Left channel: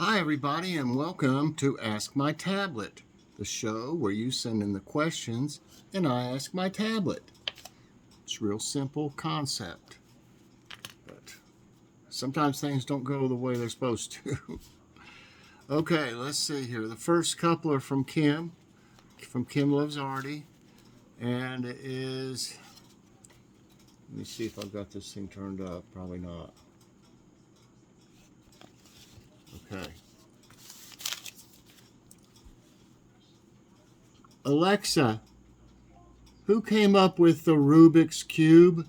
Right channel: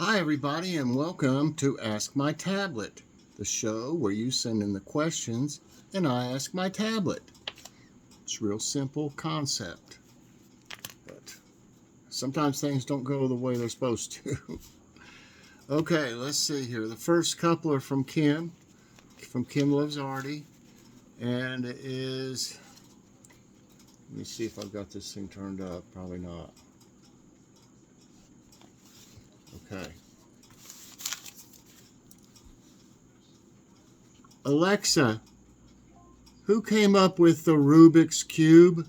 Hi, everybody, and welcome to Ask My Tablet, the show where you send in the questions and I ask my tablet. It's a real simple concept, but sometimes things don't go the way they're supposed to. Okay, let's see here. The first couple are from Kim Loves Artie, and it is, let me see if I've got this thing turned up. Probably not. Okay. Alexa, who came up with the Rubik's Cube?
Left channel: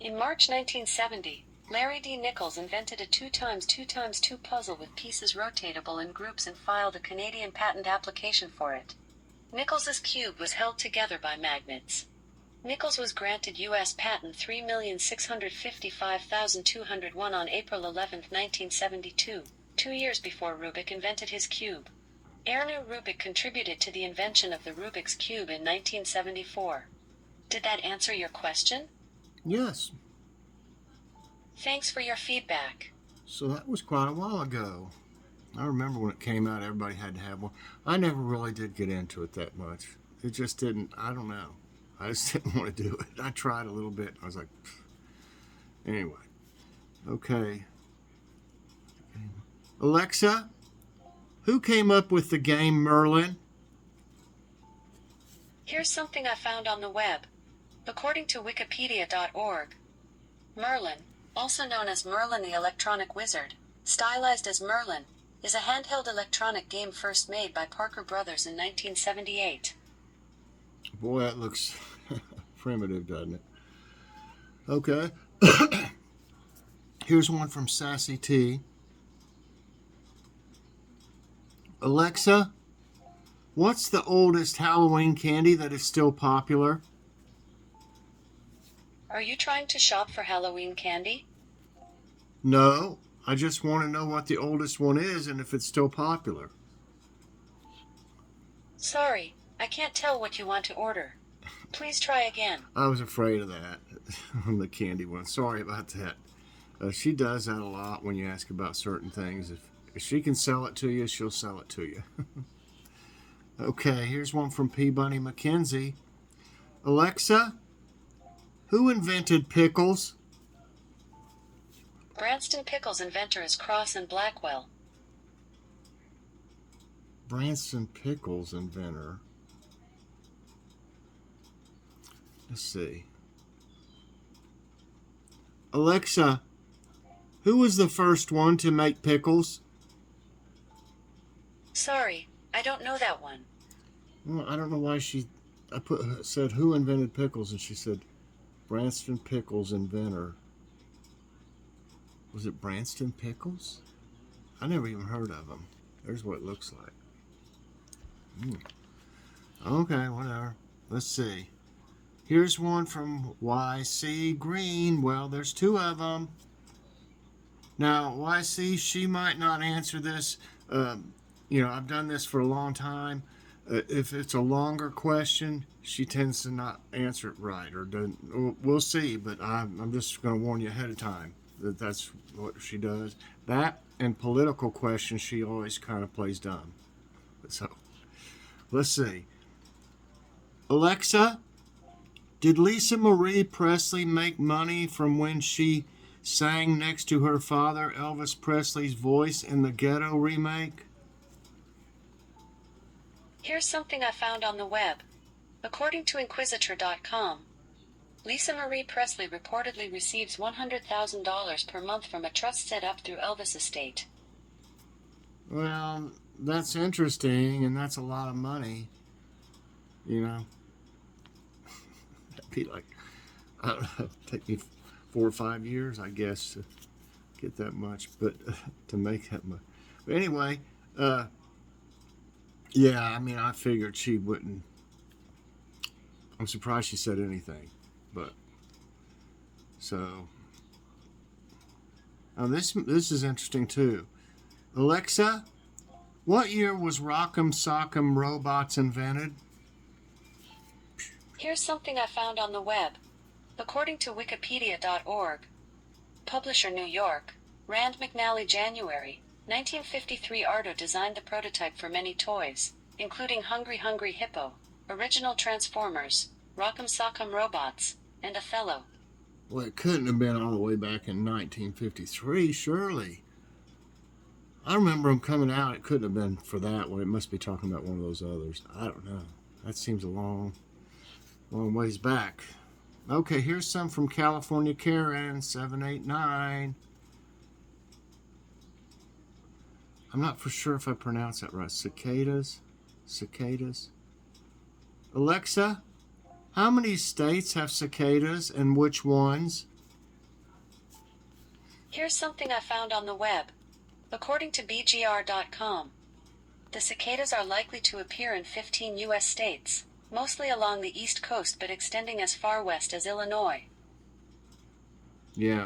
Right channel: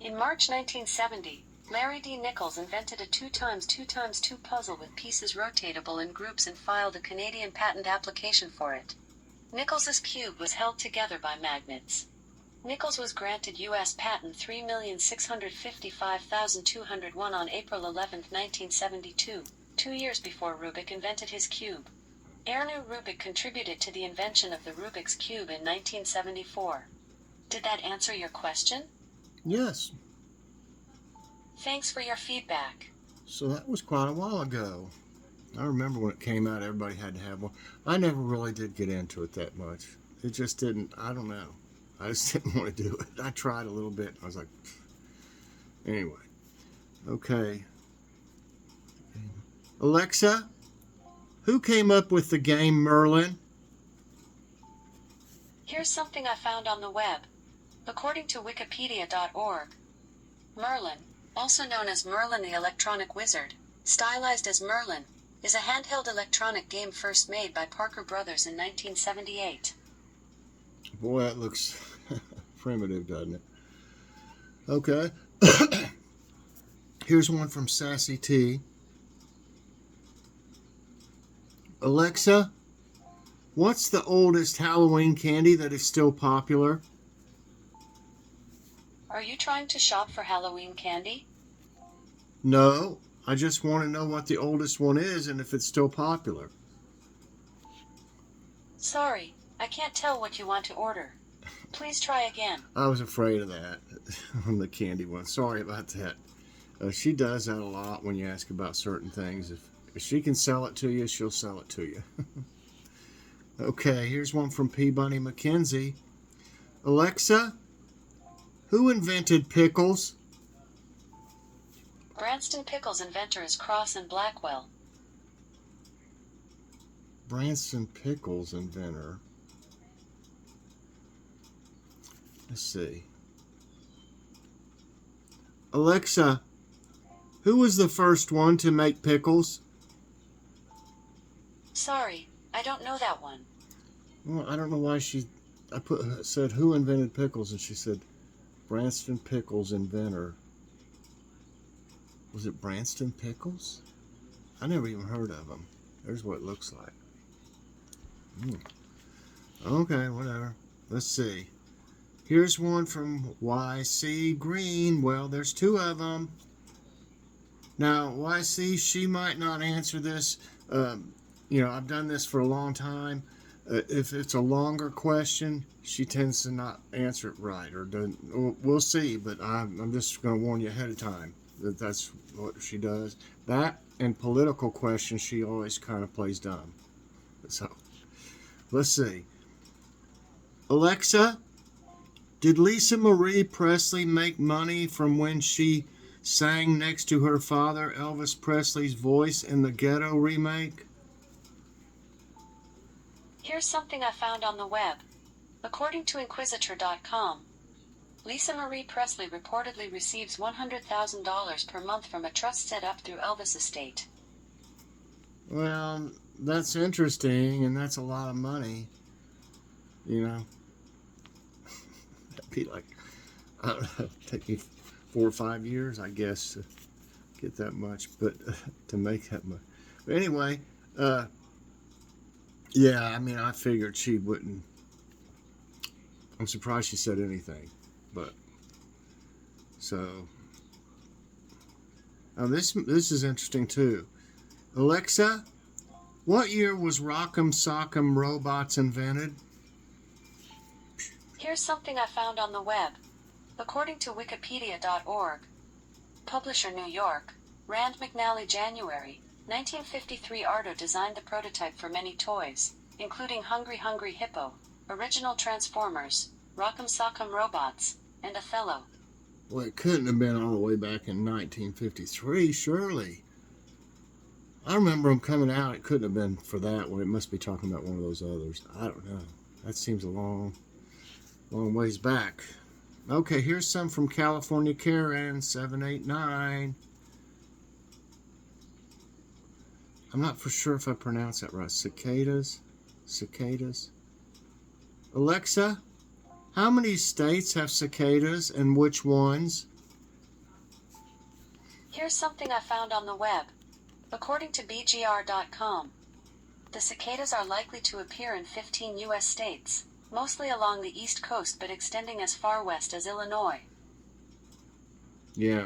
In March 1970, Larry D. Nichols invented a 2x2x2 puzzle with pieces rotatable in groups and filed a Canadian patent application for it. Nichols's cube was held together by magnets. Nichols was granted U.S. patent 3,655,201 on April 11, 1972, 2 years before Rubik invented his cube. Erno Rubik contributed to the invention of the Rubik's Cube in 1974. Did that answer your question? Yes. Thanks for your feedback. So that was quite a while ago. I remember when it came out, everybody had to have one. I never really did get into it that much. It just didn't, I don't know. I just didn't want to do it. I tried a little bit. I was like, anyway. Okay. Alexa, who came up with the game Merlin? Here's something I found on the web. According to Wikipedia.org, Merlin, also known as Merlin the Electronic Wizard, stylized as Merlin, is a handheld electronic game first made by Parker Brothers in 1978. Boy, that looks primitive, doesn't it? Okay. Here's one from Sassy T. Alexa, what's the oldest Halloween candy that is still popular? Are you trying to shop for Halloween candy? No, I just want to know what the oldest one is and if it's still popular. Sorry, I can't tell what you want to order. Please try again. I was afraid of that on the candy one. Sorry about that. She does that a lot when you ask about certain things. If she can sell it to you, she'll sell it to you. Okay, here's one from P. Bunny McKenzie. Alexa, who invented pickles? Branston Pickles' inventor is Cross and Blackwell. Branston Pickles inventor. Let's see. Alexa, who was the first one to make pickles? Sorry, I don't know that one. Well, I don't know why said who invented pickles, and she said Branston Pickles inventor. Was it Branston Pickles? I never even heard of them. There's what it looks like. Okay, whatever. Let's see. Here's one from YC Green. Well, there's two of them. Now, YC, she might not answer this. I've done this for a long time. If it's a longer question, she tends to not answer it right, or doesn't. We'll see, but I'm just going to warn you ahead of time that that's what she does. That and political questions, she always kind of plays dumb. So, let's see. Alexa, did Lisa Marie Presley make money from when she sang next to her father, Elvis Presley's voice, in the Ghetto remake? Here's something I found on the web. According to Inquisitor.com, Lisa Marie Presley reportedly receives $100,000 per month from a trust set up through Elvis' estate. Well, that's interesting, and that's a lot of money. That'd be like, I don't know, take me 4 or 5 years, I guess, to get that much, but to make that much. But anyway, yeah, I figured she wouldn't. I'm surprised she said anything, but so. This is interesting too. Alexa, what year was Rock'em Sock'em Robots invented? Here's something I found on the web. According to Wikipedia.org, publisher New York, Rand McNally, January 1953. Ardo designed the prototype for many toys, including Hungry Hungry Hippo, Original Transformers, Rock'em Sock'em Robots, and Othello. Well, it couldn't have been all the way back in 1953, surely. I remember them coming out. It couldn't have been for that one. It must be talking about one of those others. I don't know. That seems a long ways back. Okay, here's some from California Karen 789. I'm not for sure if I pronounce that right. Cicadas. Alexa, how many states have cicadas and which ones? Here's something I found on the web. According to BGR.com, the cicadas are likely to appear in 15 U.S. states, mostly along the East Coast but extending as far west as Illinois. Yeah,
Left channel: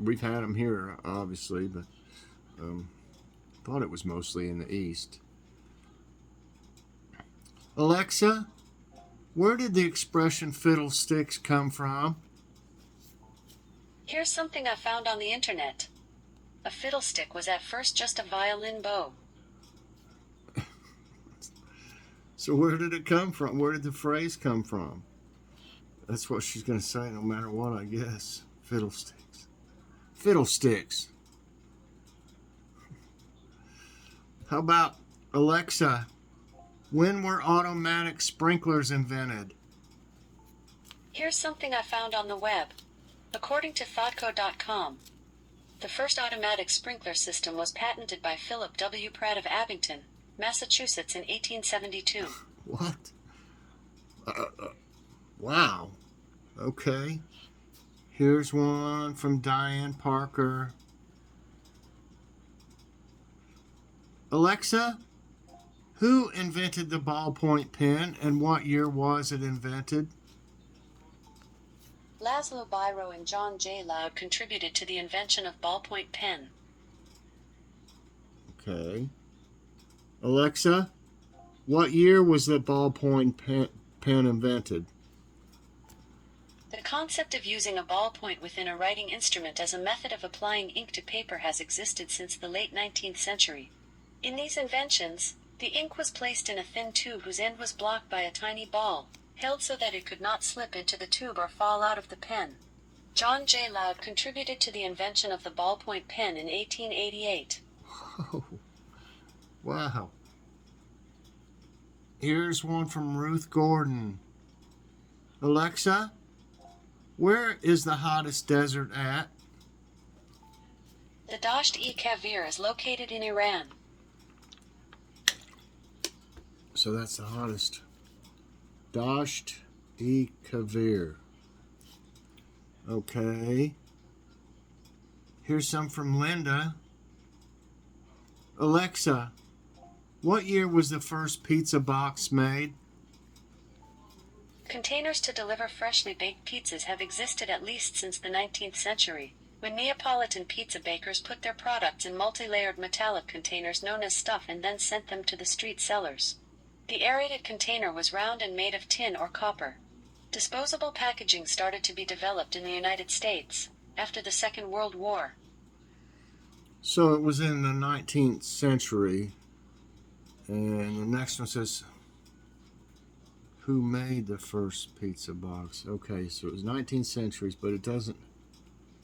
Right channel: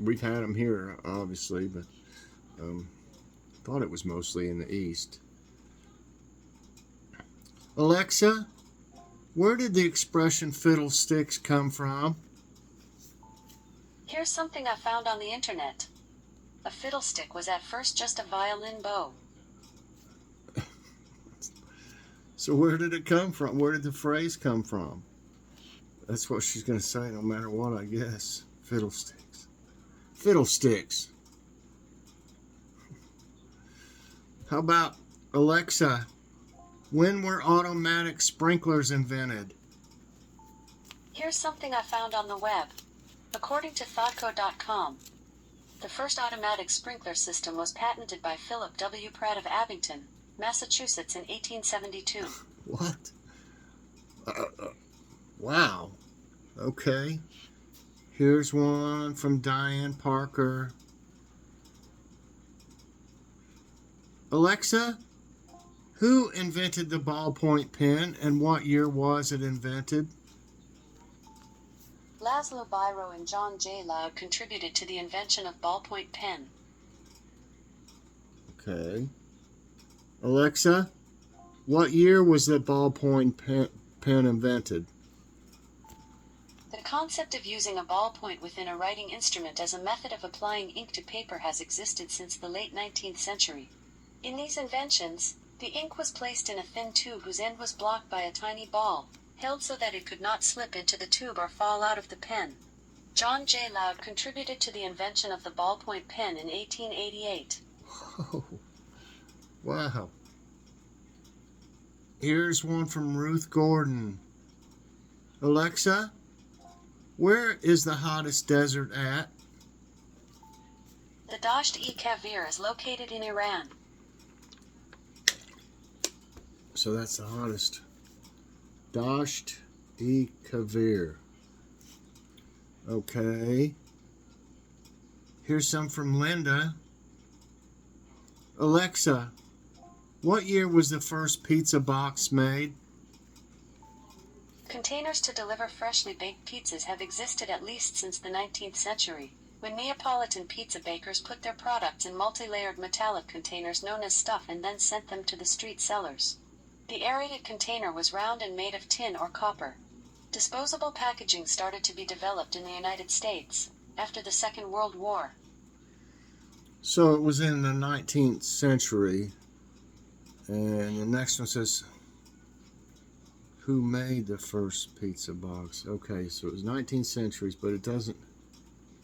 we've had them here, obviously, but thought it was mostly in the East. Alexa, where did the expression fiddlesticks come from? Here's something I found on the internet. A fiddlestick was at first just a violin bow. So where did it come from? Where did the phrase come from? That's what she's going to say no matter what, I guess. Fiddlesticks. Fiddlesticks. How about, Alexa, when were automatic sprinklers invented? Here's something I found on the web. According to thoughtco.com, the first automatic sprinkler system was patented by Philip W. Pratt of Abington, Massachusetts in 1872. What? Wow. Okay. Here's one from Diane Parker. Alexa, who invented the ballpoint pen and what year was it invented? Laszlo Biro and John J. Loud contributed to the invention of ballpoint pen. Okay. Alexa, what year was the ballpoint pen invented? The concept of using a ballpoint within a writing instrument as a method of applying ink to paper has existed since the late 19th century. In these inventions, the ink was placed in a thin tube whose end was blocked by a tiny ball, held so that it could not slip into the tube or fall out of the pen. John J. Loud contributed to the invention of the ballpoint pen in 1888. Oh, wow. Here's one from Ruth Gordon. Alexa, where is the hottest desert at? The Dasht-e-Kavir is located in Iran. So that's the hottest. Dasht-e-Kavir. Okay. Here's some from Linda. Alexa, what year was the first pizza box made? Containers to deliver freshly baked pizzas have existed at least since the 19th century, when Neapolitan pizza bakers put their products in multi-layered metallic containers known as stuff and then sent them to the street sellers. The aerated container was round and made of tin or copper. Disposable packaging started to be developed in the United States after the Second World War. So it was in the 19th century. And the next one says, who made the first pizza box? Okay, so it was 19th centuries, but it doesn't.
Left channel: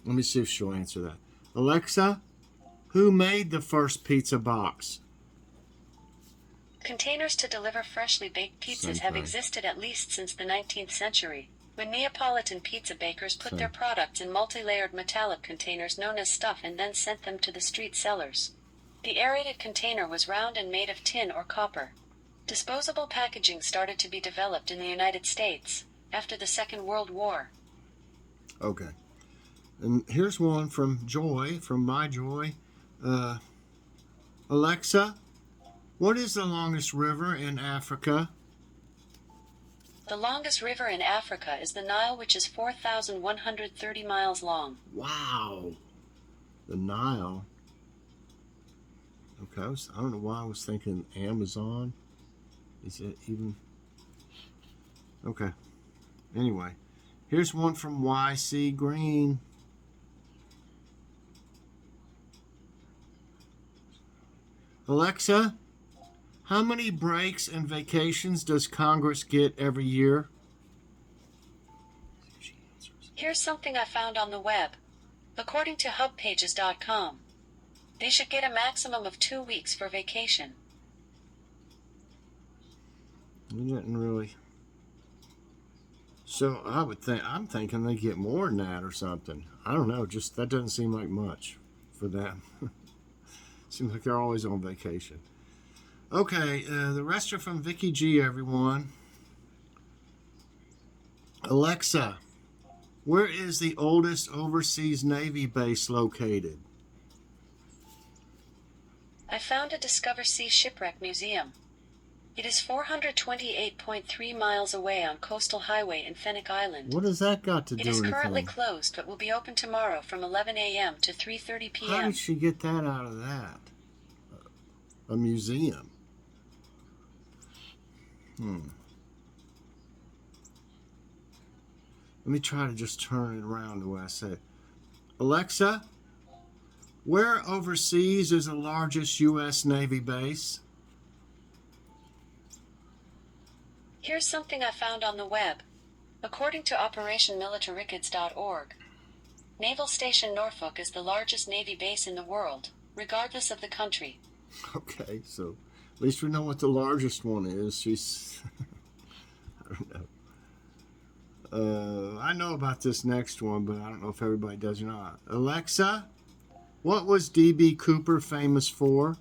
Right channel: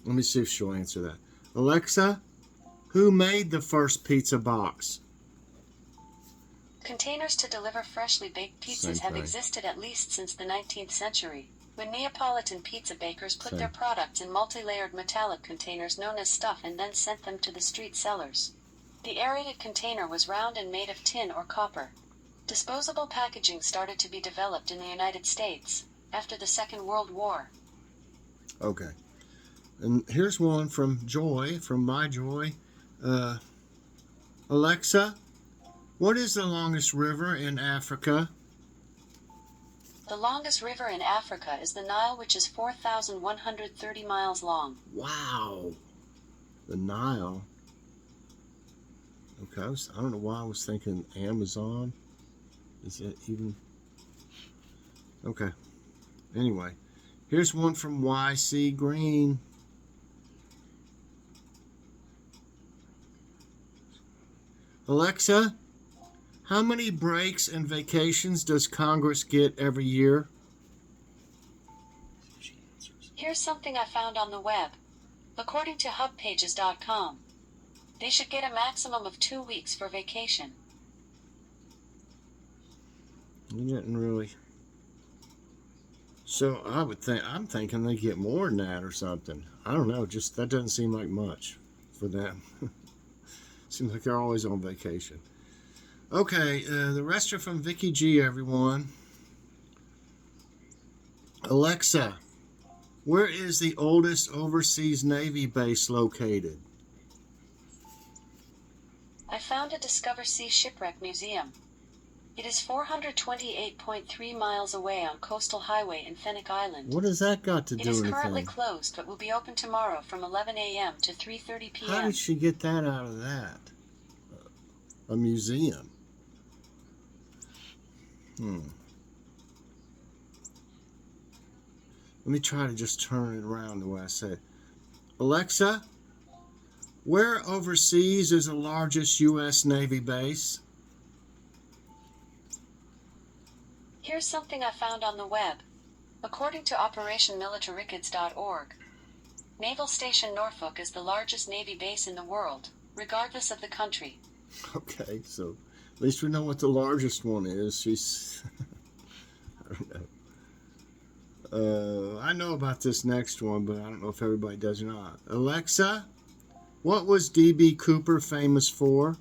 Let me see if she'll answer that. Alexa, who made the first pizza box? Containers to deliver freshly baked pizzas have existed at least since the 19th century, when Neapolitan pizza bakers put their products in multi-layered metallic containers known as stuff and then sent them to the street sellers. The aerated container was round and made of tin or copper. Disposable packaging started to be developed in the United States after the Second World War. Okay. And here's one from Joy, from My Joy. Alexa, what is the longest river in Africa? The longest river in Africa is the Nile, which is 4,130 miles long. Wow. The Nile. Okay, I don't know why I was thinking Amazon. Is that even? Okay. Anyway, here's one from YC Green. Alexa, how many breaks and vacations does Congress get every year? Here's something I found on the web. According to hubpages.com, they should get a maximum of 2 weeks for vacation. You didn't really. So I'm thinking they get more than that or something. I don't know. Just that doesn't seem like much for them. Seems like they're always on vacation. Okay, the rest are from Vicky G, everyone. Alexa, where is the oldest overseas Navy base located? I found a Discover Sea Shipwreck Museum. It is 428.3 miles away on Coastal Highway in Fenwick Island. What has that got to It do is with currently anything? closed but will be open tomorrow from 11 a.m. to 3:30 p.m. How did she get that out of that? A museum. Let me try to just turn it around the way I said. Alexa, where overseas is the largest U.S. Navy base? Here's something I found on the web. According to OperationMilitariCids.org, Naval Station Norfolk is the largest Navy base in the world, regardless of the country. Okay, so at least we know what the largest one is. She's... I don't know. I know about this next one, but I don't know if everybody does or not. Alexa, what was D.B. Cooper famous for?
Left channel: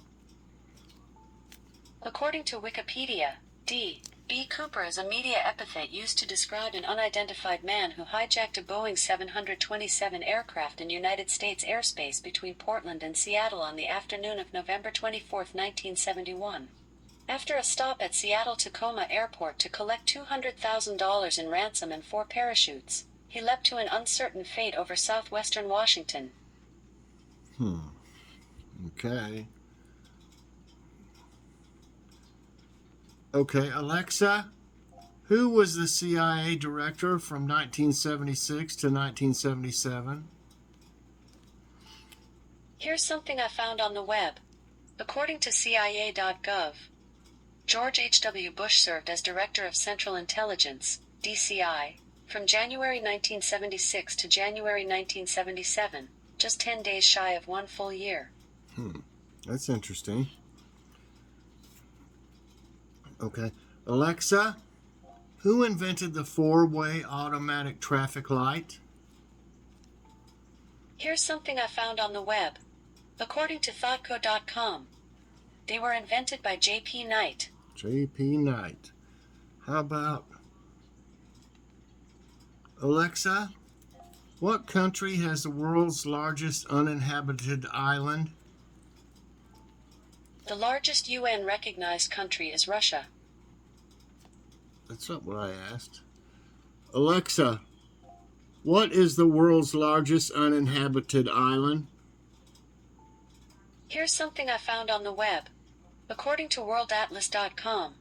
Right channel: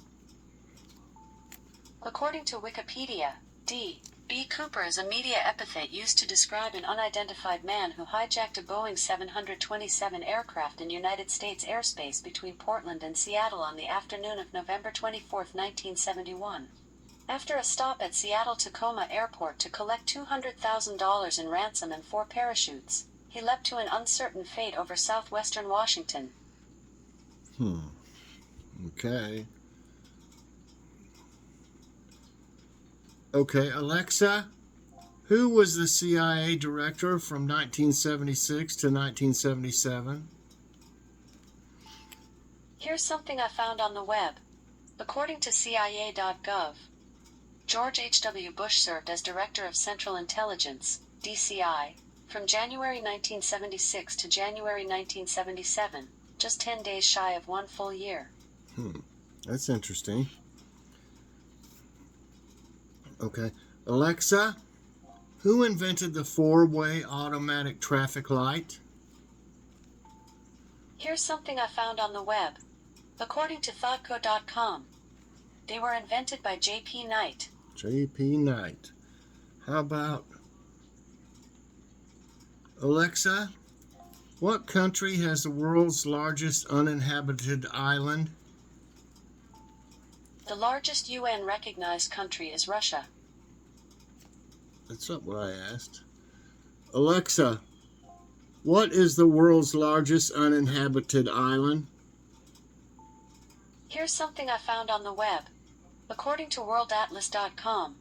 According to Wikipedia, D.B. Cooper is a media epithet used to describe an unidentified man who hijacked a Boeing 727 aircraft in United States airspace between Portland and Seattle on the afternoon of November 24, 1971. After a stop at Seattle-Tacoma Airport to collect $200,000 in ransom and 4 parachutes, he leapt to an uncertain fate over southwestern Washington. Okay. Okay, Alexa, who was the CIA director from 1976 to 1977? Here's something I found on the web. According to CIA.gov, George H.W. Bush served as Director of Central Intelligence, DCI, from January 1976 to January 1977, just 10 days shy of 1 full year. That's interesting. Okay. Alexa, who invented the 4-way automatic traffic light? Here's something I found on the web. According to thoughtco.com, they were invented by J.P. Knight. J.P. Knight. How about Alexa, what country has the world's largest uninhabited island? The largest UN-recognized country is Russia. That's not what I asked. Alexa, what is the world's largest uninhabited island? Here's something I found on the web. According to worldatlas.com,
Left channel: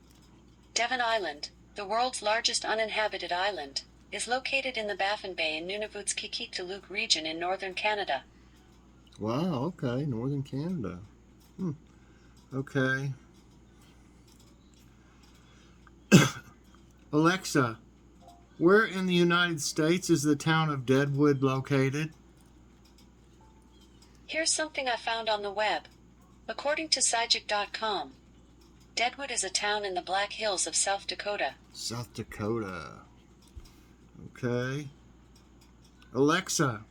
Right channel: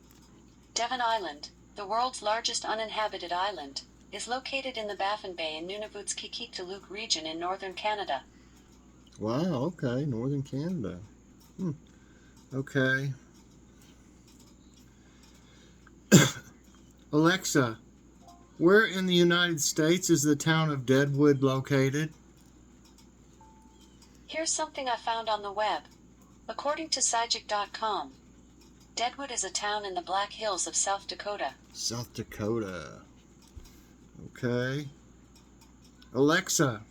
Devon Island, the world's largest uninhabited island, is located in the Baffin Bay in Nunavut's-Qikiqtaaluk region in northern Canada. Wow, okay, northern Canada. Okay. Alexa, where in the United States is the town of Deadwood located? Here's something I found on the web. According to Sygic.com, Deadwood is a town in the Black Hills of South Dakota. South Dakota. Okay. Alexa,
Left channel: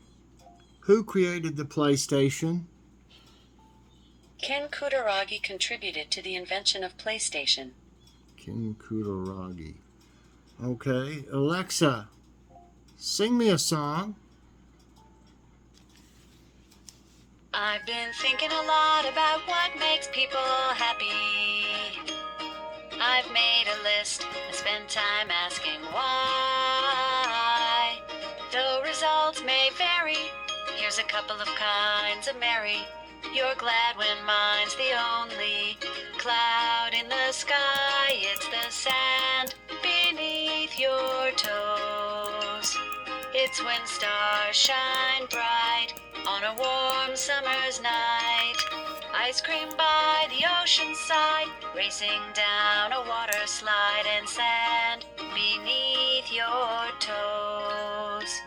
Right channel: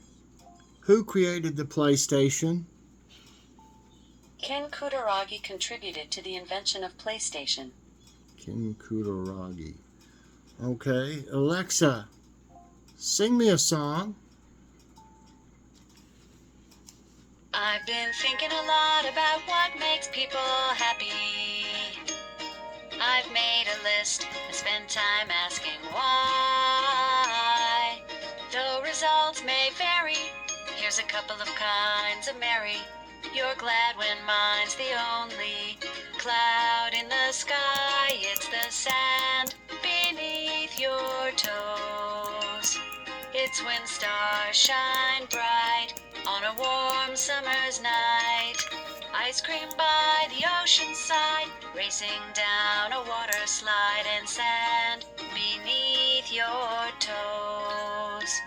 who created the PlayStation? Ken Kutaragi contributed to the invention of PlayStation. Ken Kutaragi. Okay. Alexa, sing me a song. I've been thinking a lot about what makes people happy. I've made a list and spent time asking why. Though results may vary, here's a couple of kinds of merry. You're glad when mine's the only cloud in the sky. It's the sand beneath your toes. It's when stars shine bright on a warm summer's night. Ice cream by the ocean side, racing down a water slide, and sand beneath your toes.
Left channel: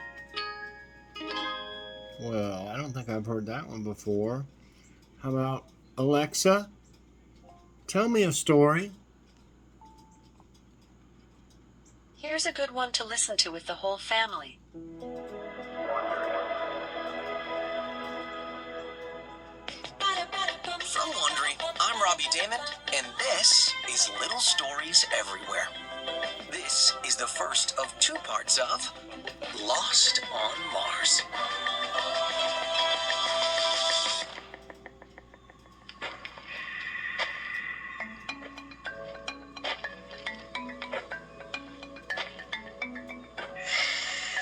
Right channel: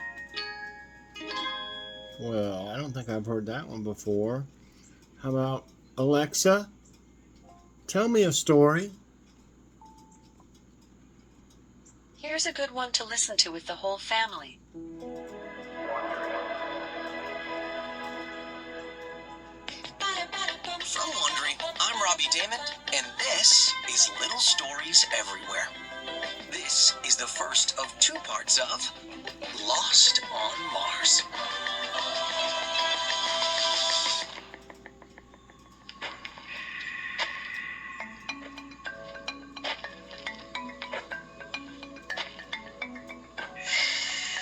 Well, I don't think I've heard that one before. How about Alexa? Tell me a story. Here's a good one to listen to with the whole family. From Wondering, I'm Robbie Damon, and this is Little Stories Everywhere. This is the first of 2 parts of Lost on Mars.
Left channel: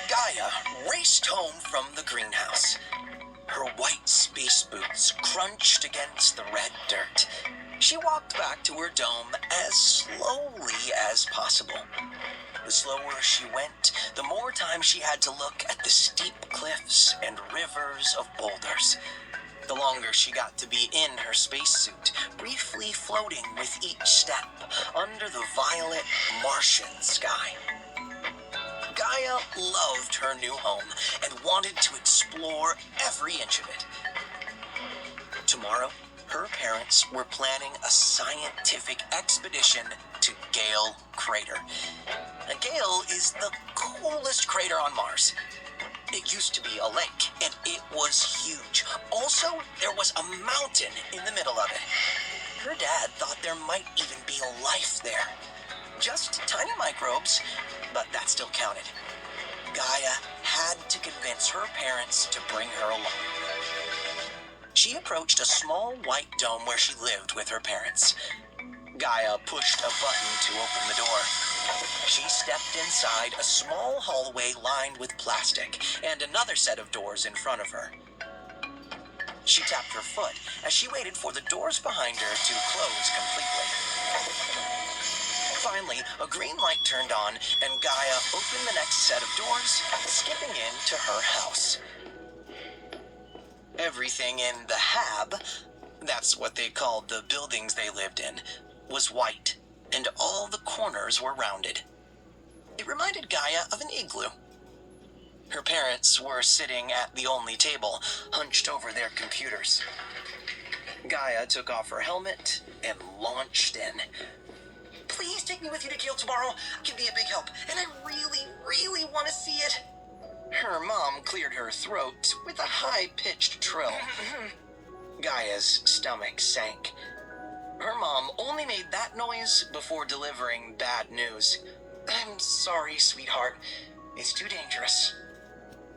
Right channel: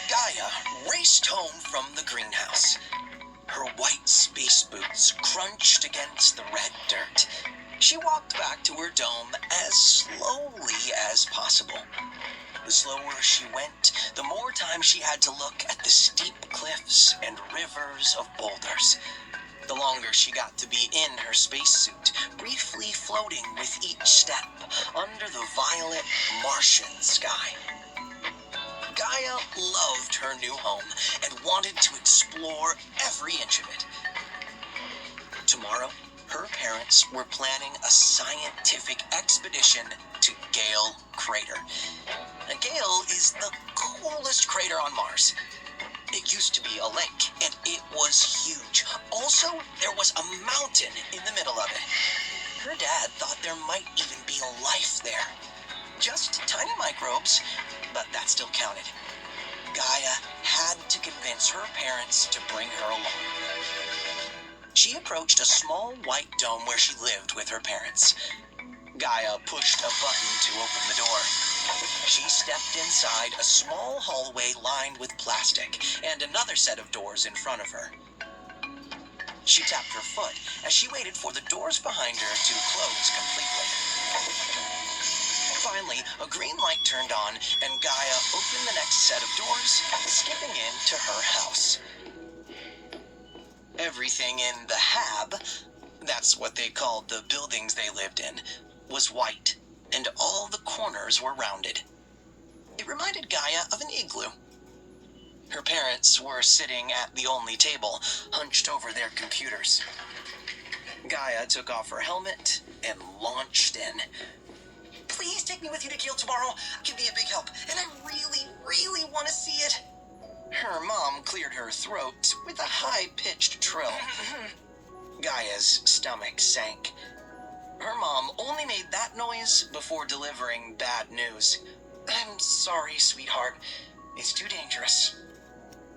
Gaia raced home from the greenhouse. Her white space boots crunched against the red dirt. She walked back to her dome as slowly as possible. The slower she went, the more time she had to look at the steep cliffs and rivers of boulders. The longer she got to be in her spacesuit, briefly floating with each step under the violet Martian sky. Gaia loved her new home and wanted to explore every inch of it. Tomorrow, her parents were planning a scientific expedition to Gale Crater. And Gale is the coolest crater on Mars. It used to be a lake, and it was huge. Also, there was a mountain in the middle of it. Her dad thought there might even be life there. Just tiny microbes, but that still counted. Gaia had to convince her parents to bring her along. She approached a small white dome where she lived with her parents. Gaia pushed a button to open the door. She stepped inside a small hallway lined with plastic and another set of doors in front of her. She tapped her foot as she waited for the doors behind her to close completely. Finally, a green light turned on, and Gaia opened the next set of doors, skipping into her house. Everything in the hab, that's what they called the buildings they lived in, was white, and all the corners were rounded. It reminded Gaia of an igloo. Her parents were sitting at the only table, hunched over their computers. Gaia took off her helmet and launched in. Please take me with you to Gale tomorrow. It can be a big help, and I really, really want to see it. Her mom cleared her throat with a high-pitched trill. Gaia's stomach sank. Her mom only made that noise before delivering bad news. I'm sorry, sweetheart. It's too dangerous.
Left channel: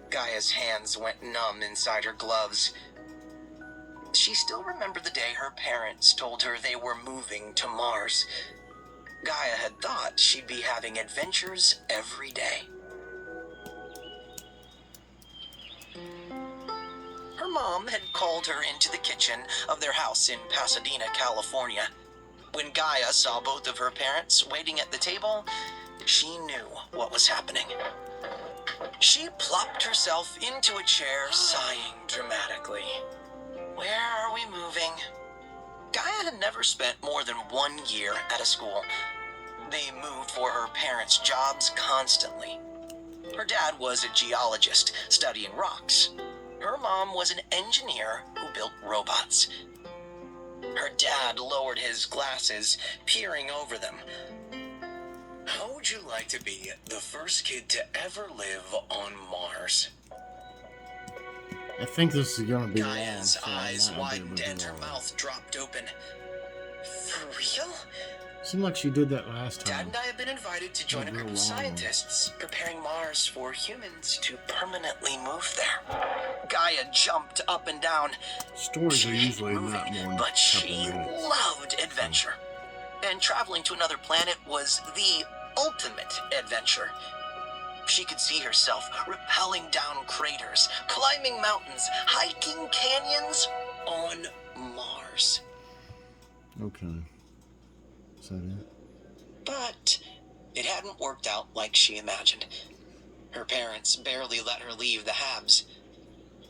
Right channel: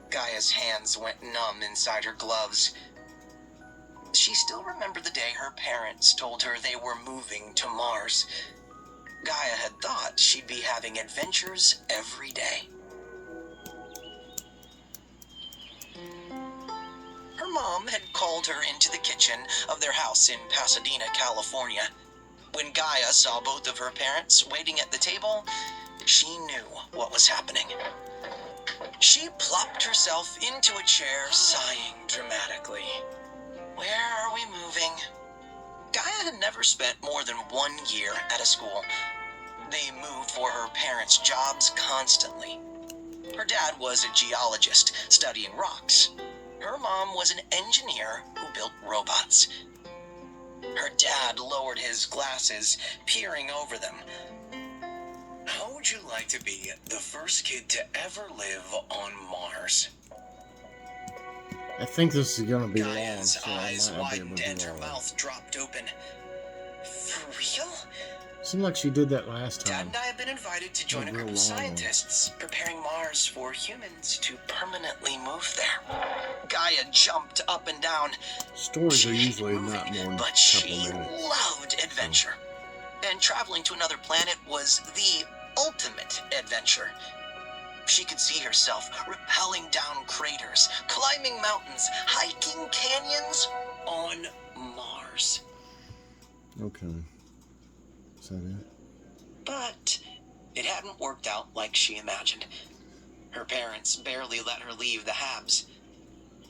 Gaia's hands went numb inside her gloves. She still remembered the day her parents told her they were moving to Mars. Gaia had thought she'd be having adventures every day. Her mom had called her into the kitchen of their house in Pasadena, California. When Gaia saw both of her parents waiting at the table, she knew what was happening. She plopped herself into a chair, sighing dramatically. Where are we moving? Gaia had never spent more than 1 year at a school. They moved for her parents' jobs constantly. Her dad was a geologist studying rocks. Her mom was an engineer who built robots. Her dad lowered his glasses, peering over them. How would you like to be the first kid to ever live on Mars? I think this is going to be long, Gaia's so I eyes might not be able widened to and do her all that. mouth dropped open. For real? Seemed like she did that last Dad time. and I have been invited to join a real group of long one. scientists preparing Mars for humans to permanently move there. Gaia jumped up and down. Stories She are hated usually moving, not more than a but couple she minutes. loved adventure. And traveling to another planet was the ultimate adventure. She could see herself rappelling down craters, climbing mountains, hiking canyons on Mars. Okay. Is that it? But it hadn't worked out like she imagined. Her parents barely let her leave the Habs.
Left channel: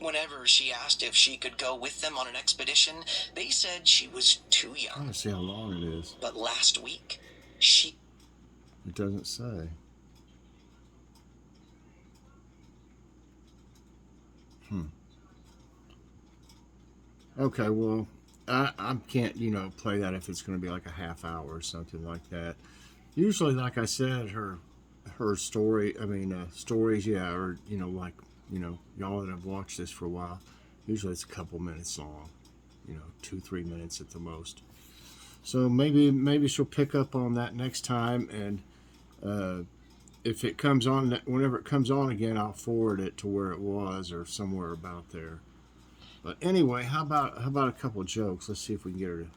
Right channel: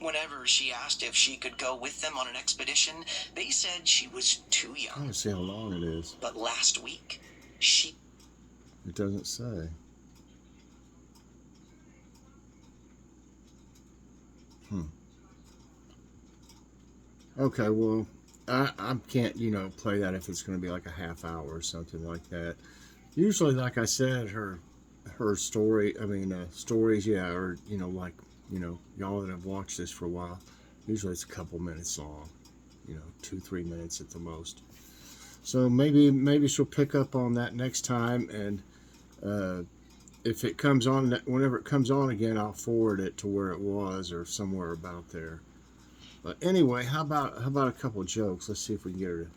Whenever she asked if she could go with them on an expedition, they said she was too I young. don't see how long it is. But last week, she... It doesn't say. Okay, well, I can't, play that if it's going to be like a half hour or something like that. Usually, like I said, her stories, yeah, or, y'all that have watched this for a while, usually it's a couple minutes long, 2-3 minutes at the most. So maybe she'll pick up on that next time, and if it comes on, whenever it comes on again, I'll forward it to where it was or somewhere about there. But anyway, how about a couple of jokes? Let's see if we can get her to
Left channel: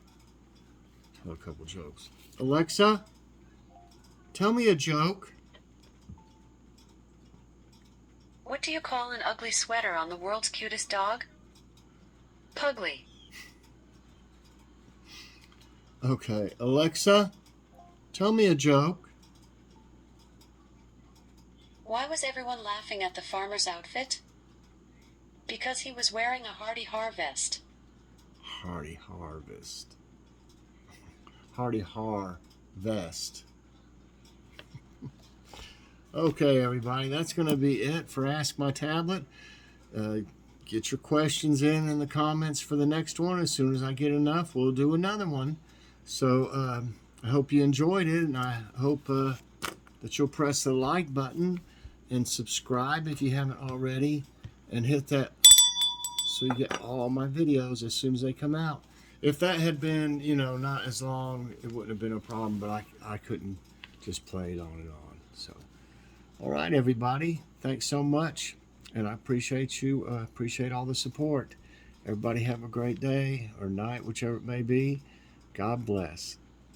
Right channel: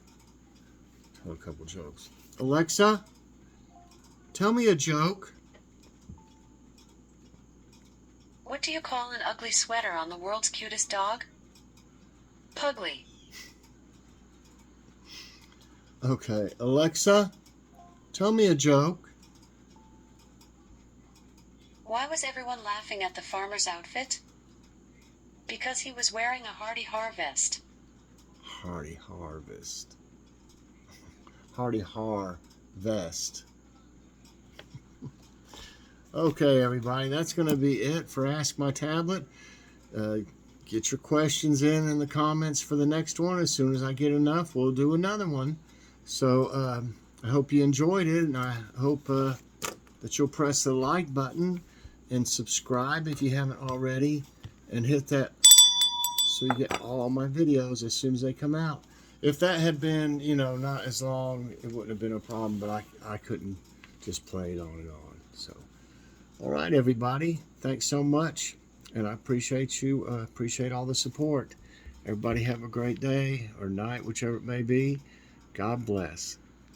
tell a couple of jokes. Alexa, tell me a joke. What do you call an ugly sweater on the world's cutest dog? Pugly. Okay, Alexa, tell me a joke. Why was everyone laughing at the farmer's outfit? Because he was wearing a Hardy Harvest. Hardy Harvest. Hardy Har Vest. Okay, everybody, that's going to be it for Ask My Tablet. Get your questions in the comments for the next one. As soon as I get enough, we'll do another one. So I hope you enjoyed it, and I hope that you'll press the like button and subscribe if you haven't already, and hit that so you get all my videos as soon as they come out. If that had been, not as long, it wouldn't have been a problem, but I couldn't just play it on and on. So, all right, everybody, thanks so much, and I appreciate you, appreciate all the support. Everybody have a great day or night, whichever it may be. God bless.